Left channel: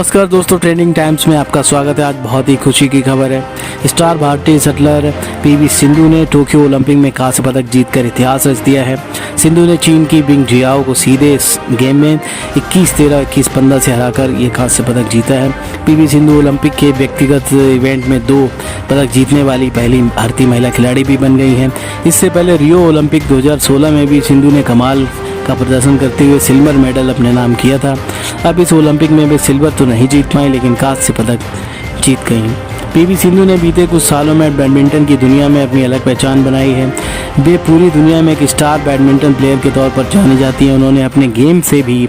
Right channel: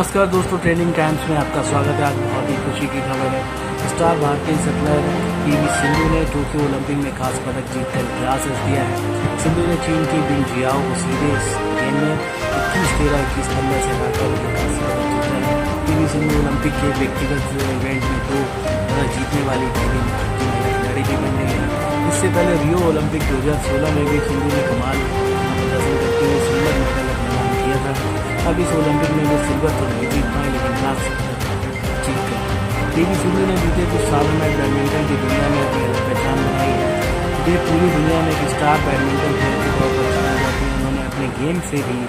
नमस्कार दोस्तों, trending times में आपका स्वागत है। आज बहुत ही खुशी की खबर है। स्टार भारतीय शटलर पीवी सिंधु ने टोक्यो ओलंपिक में कांस्य पदक जीतकर इतिहास रच दिया है। सिंधु ने चीन की बिंग जियाओ को सीधे इस गेम में 21-13, 21-15 से हराकर ये कांस्य पदक जीता है। पीवी सिंधु ओलंपिक के व्यक्तिगत इवेंट में 2 पदक जीतने वाली पहली भारतीय महिला खिलाड़ी भी बन गई हैं। इससे पहले रियो ओलंपिक 2016 में भी सिंधु ने कमाल का प्रदर्शन करते हुए सिल्वर मेडल अपने नाम किया था। अब इस ओलंपिक में वे सिल्वर तो नहीं जीत पाए, लेकिन कांस्य पदक जीत गई। पीवी सिंधु ने बीते कुछ सालों में बैडमिंटन की दुनिया में अपनी अलग पहचान बनाई है। वे पूरी दुनिया में एक स्टार बैडमिंटन प्लेयर के तौर पर जानी जाती हैं। उन्होंने अपने गेम से भी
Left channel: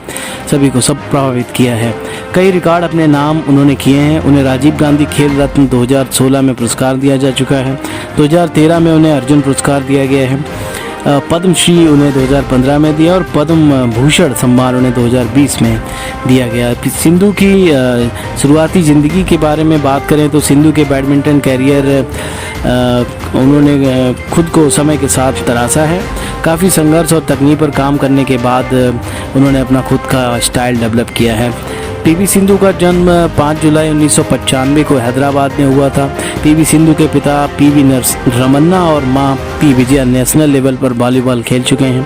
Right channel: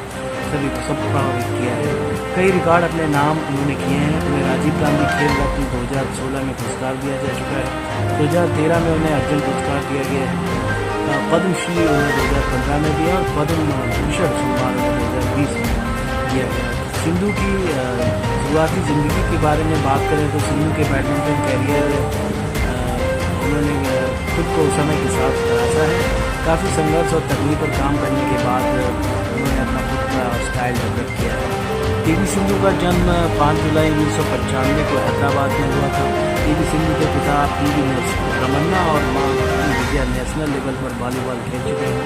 सभी को सब प्रभावित किया है। कई रिकॉर्ड अपने नाम उन्होंने किए हैं। उन्हें राजीव गांधी खेल रत्न 2016 में पुरस्कार दिया जा चुका है। 2013 में उन्हें अर्जुन पुरस्कार दिया गया है। पद्मश्री उन्हें 2015 में दिया और पद्म भूषण सम्मान उन्हें 2020 में दिया गया। सिंधु की शुरुआती ज़िंदगी के बारे में बात करें तो सिंधु के बैडमिंटन कैरियर उन्होंने खुद को समय के साथ तराशा है। काफ़ी संघर्ष और तकनीक पर काम करने के बाद उन्होंने अपना खुद का स्टाइल डेवलप किया है। पीवी सिंधु का जन्म 5 जुलाई 1995 को हैदराबाद में हुआ था। पीवी सिंधु के पिता पीवी रमन्ना और मां पी विजया नेशनल लेवल पर वॉलीबॉल खेल चुके हैं।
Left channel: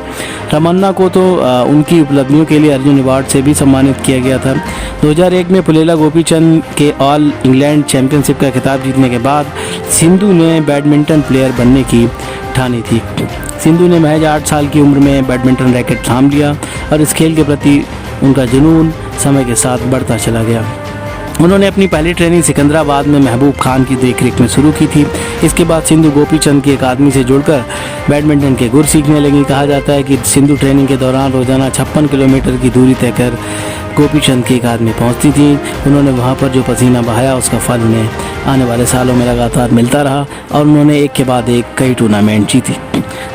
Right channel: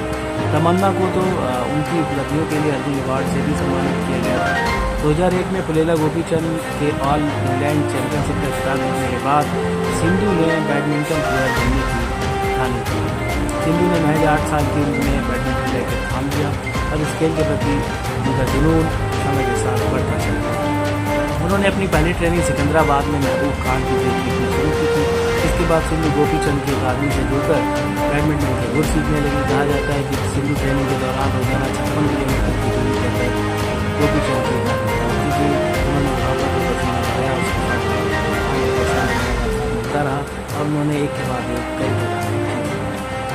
रमन्ना को तो उनकी उपलब्धियों के लिए अर्जुन अवार्ड से भी सम्मानित किया गया था। 2001 में पुलेला गोपीचंद के ऑल इंग्लैंड चैंपियनशिप का खिताब जीतने के बाद सिंधु ने बैडमिंटन प्लेयर बनने की ठानी थी। सिंधु ने महज 8 साल की उम्र में बैडमिंटन रैकेट थाम लिया और इस खेल के प्रति उनका जुनून समय के साथ बढ़ता चला गया। उन्होंने अपनी पहली ट्रेनिंग सिकंदराबाद में महबूब खान की देखरेख में शुरू की थी। इसके बाद सिंधु गोपीचंद की अकादमी से जुड़कर बैडमिंटन के गुर सीखने लगी। कहा जाता है कि सिंधु ट्रेनिंग के दौरान रोजाना 56 किलोमीटर की दूरी तय कर गोपीचंद की अकादमी पहुंचती थी। उन्होंने वहां पर जो पसीना बहाया उसका फल उन्हें आने वाले सालों में लगातार मिलता रहा और उन्होंने एक के बाद एक कई टूर्नामेंट जीती।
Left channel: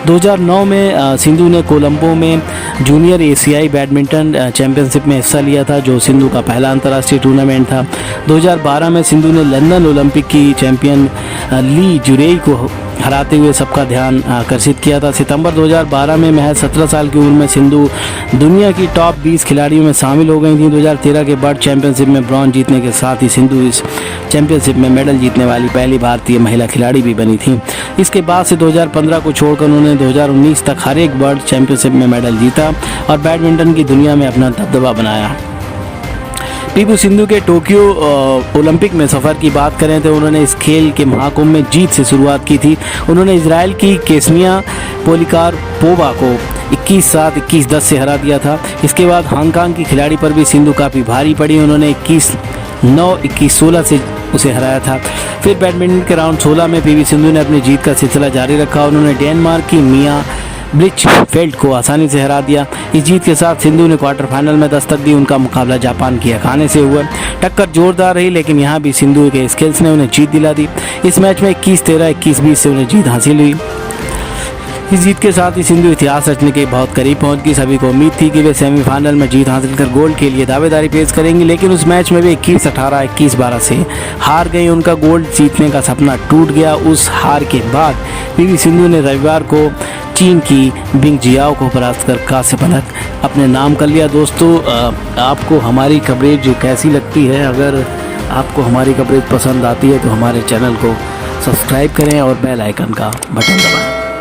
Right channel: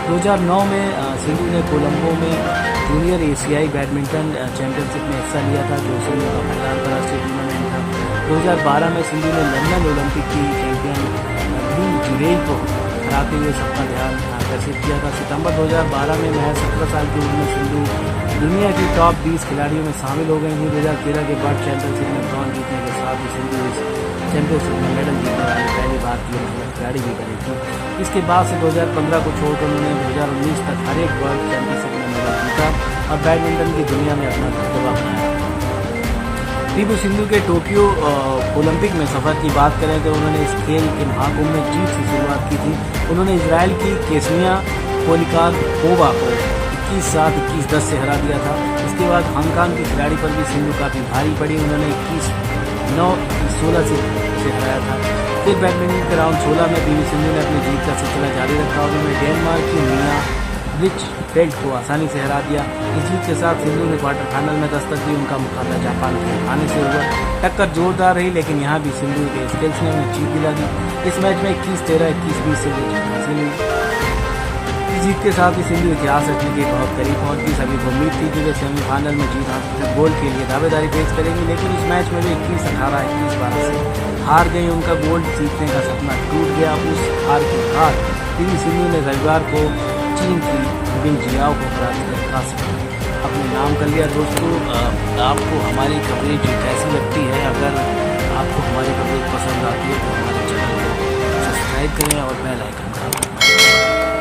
2009 में सिंधु ने कोलंबो में जूनियर एशियाई बैडमिंटन चैंपियनशिप में हिस्सा लिया था, जो सिंधु का पहला अंतर्राष्ट्रीय टूर्नामेंट था। 2012 में सिंधु ने लंदन ओलंपिक की चैंपियन ली जुरेई को हराते हुए सबका ध्यान आकर्षित किया था। सितंबर 2012 में महज 17 साल की उम्र में सिंधु दुनिया की टॉप 20 खिलाड़ियों में शामिल हो गई थी। 2013 के वर्ल्ड चैंपियनशिप में ब्रॉन्ज जीतने के साथ ही सिंधु इस चैंपियनशिप में मेडल जीतने वाली पहली भारतीय महिला खिलाड़ी भी बनी थी। इसके बाद से 2015 को छोड़कर उन्होंने 2019 तक हर एक वर्ल्ड चैंपियनशिप में मेडल जीता और बैडमिंटन की दुनिया में अपना दबदबा बनाया। पीवी सिंधु के टोक्यो ओलंपिक में सफ़र की बात करें तो उन्होंने इस खेल के महाकुंभ में जीत से शुरुआत की थी। उन्होंने इजराइल की केस्निया पोलिकारपोवा को 21-7, 21-10 से हरा दिया था। इसके बाद हांगकांग की खिलाड़ी पर भी सिंधु काफ़ी भारी पड़ी। उन्होंने 21-9, 21-16 से उसे हराया था। फिर बैडमिंटन के राउंड 16 में पीवी सिंधु ने अपनी जीत का सिलसिला जारी रखा। उन्होंने डेनमार्क की मिया ब्लिचफेल्ड को आसानी से हरा दिया। इस जीत के साथ सिंधु ने क्वार्टर फाइनल में दस्तक दी। उनका मुकाबला जापान की अखाने से हुआ। टक्कर जोरदार रही, लेकिन यहाँ भी सिंधु के स्किल्स ने उन्हें जीत दिला दी। इस मैच में 21-13, 21-20 से उन्हें जीत हासिल हुई। इस जीत के साथ ही सिंधु इतिहास रचने के बहुत करीब पहुंच गई। सभी को उम्मीद थी कि वे सेमीफाइनल में जीत हासिल कर गोल्ड के लिए दावेदारी पेश करेंगी, लेकिन उस मैच में वे 21-18, 21-12 से हार गई। उनका गोल्ड जीतने का सपना टूट गया। उस हार के बाद पीवी सिंधु ने रविवार को चीन की बिंग जियाओ को परास्त कर कांस्य पदक अपने नाम कर लिया। दोस्तों, आपको हमारी कवरेज कैसी लगती है? अगर आपको हमारी कवरेज पसंद आती है तो हमारे चैनल को सब्सक्राइब करें और बेल आइकन का बटन दबाएं।